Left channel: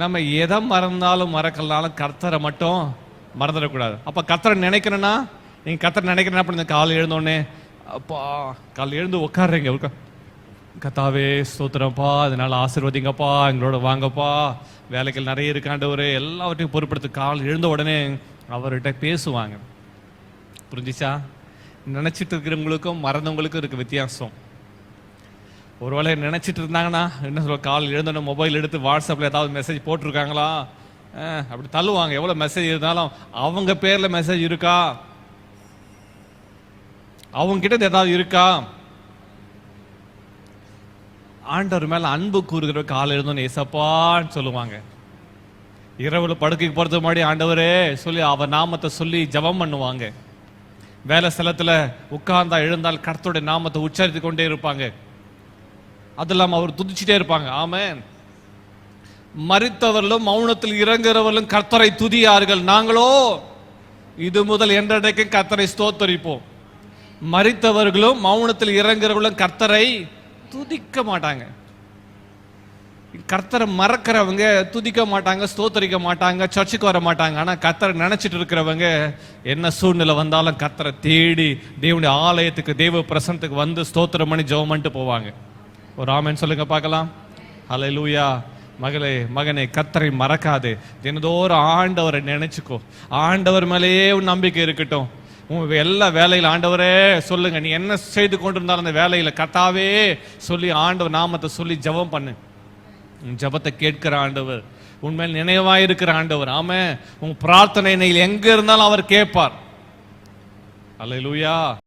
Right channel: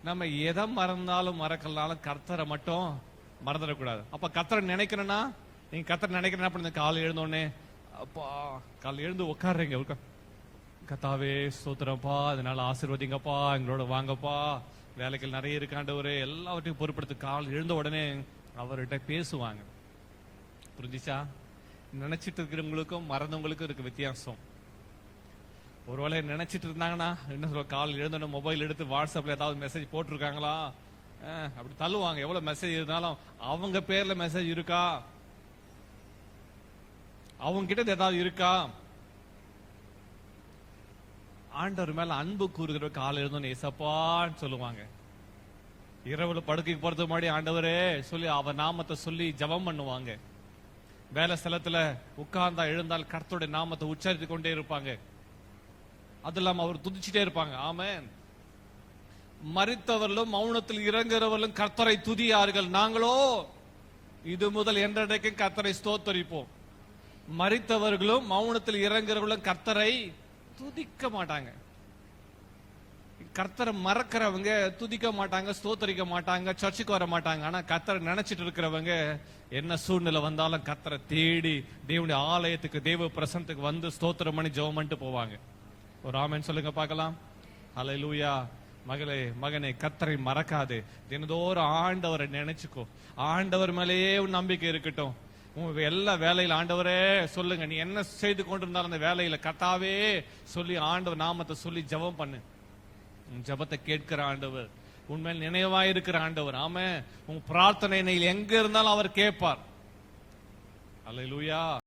நம்ம எதை மறந்தாலும் மறக்கலனாலும் கர்த்தரை மட்டும் மறந்துடக்கூடாது. அப்ப கர்த்தரை நினைக்கணும்னா, நீங்க கர்த்தரை நினைக்கிறேன்னா அப்படி காலை எழுந்தோடனே அப்பா காலை எழுந்து உட்காடுறீங்க, கர்த்தாவே ஸ்தோத்திரப்பா, அதனால ஆசீர்வதிங்கப்பா, எங்களோட வாங்கப்பா, வேலைகள் நிறைய இருக்காண்டவரு, எல்லாவற்றையும் பொறுப்படுத்து கால் எழுந்த உடனே அவர்கிட்ட பேசுவாங்க. புரிஞ்சிச்சா? நினைச்சிட்டு இருக்கிறவங்களுக்கும் மறந்தவங்களுக்கும் இருக்கு வித்தியாசம். ஒருவேளை நினைச்சிட்டு இருந்தாங்கன்னா என்ன சொல்ல, கால் எழுந்தோட மொபைல் எடுத்து வாட்ஸ்அப்ல ஏதாவது மெசேஜ் போட்டிருக்காங்களா அப்படி தள்ளுவாங்க. எவ்வளவு மெசேஜ் இருந்தாலும் அவங்க பேர்ல மெசேஜ் இருக்கா, அவங்க கிட்ட ஏதாவது இருக்கா? ஆண்டவர் மேல அன்பு கூறுகிற கால் எழுந்தோன்னு ஏசப்பான்னு சொல்லுவாங்க. இரவுல படுக்கைக்கு போறது முன்னாடி ஆண்டவரே சொல்லி அவர் நாமத்தை சொல்லி ஜெபம் பண்ணுவாங்க. வேலை ஸ்தலத்துல உட்கார்ந்தா எழுந்தால் கர்த்தருடைய நாமத்தை உச்சரித்து கொண்டே இருப்பாங்க. அது இல்லாம அவர் துதிச்சுட்டே இருப்பாங்க. ஆமென். மரித்தவர்களும் மௌனத்தில் இறங்குறவர்களும் கர்த்தரை துதியார்கள், நாங்களோ இது முதல் என்றடைக்கு கர்த்தரை ஸ்தோத்தரிப்போம். மரித்தவர்களும் மௌனத்தில் இறங்குறவர்களும் கர்த்தரை துதிக்க மாட்டாங்க. கர்த்தரை மறக்கிறவங்க துதிக்க மாட்டாங்க, ஸ்தோத்தரிக்க மாட்டாங்க, சர்ச்சுக்கு வர மாட்டாங்க. ஆனா கர்த்தரை நினைச்சிட்டு இருக்கிறவங்க என்ன சூழ்நிலை வந்தாலும் கர்த்தரை தேடி தேவனுடைய ஆலயத்துக்கு தேவ பிரசனத்துக்கு வந்து ஸ்தோத்திரம் பண்ணி ஜெபம் பண்ணிட்டு போவாங்க. ஒரு ஆமென் சொல்லுங்க பார்க்கலாம். ஹல்லேலூயா. மகளே மகனே, கர்த்தரை மறக்காதே. தினந்தோறும் ஆண்டவரை நினைச்சுக்கோ. ஆண்டவர் மேலேயே உன் நம்பிக்கை இருக்கட்டும். உன் எல்லா வேலையில ஆண்டவரே சொல்லுங்க. நீ என்ன செய்து கொண்டிருந்தாலும் அந்த வேலையில கர்த்தாவே சொல்லி ஆண்டவர் நாமத்தை சொல்லி ஜெபம் பண்ணு. ஜெபத்தை கேட்கிற ஆண்டவர், உண்மையில் நினைவாயிருக்கிற ஆண்டவர். ஆமென். உன் பிரார்த்தனை எங்க இருந்தாலும் அவர் கேட்பார். அல்லேலூயா.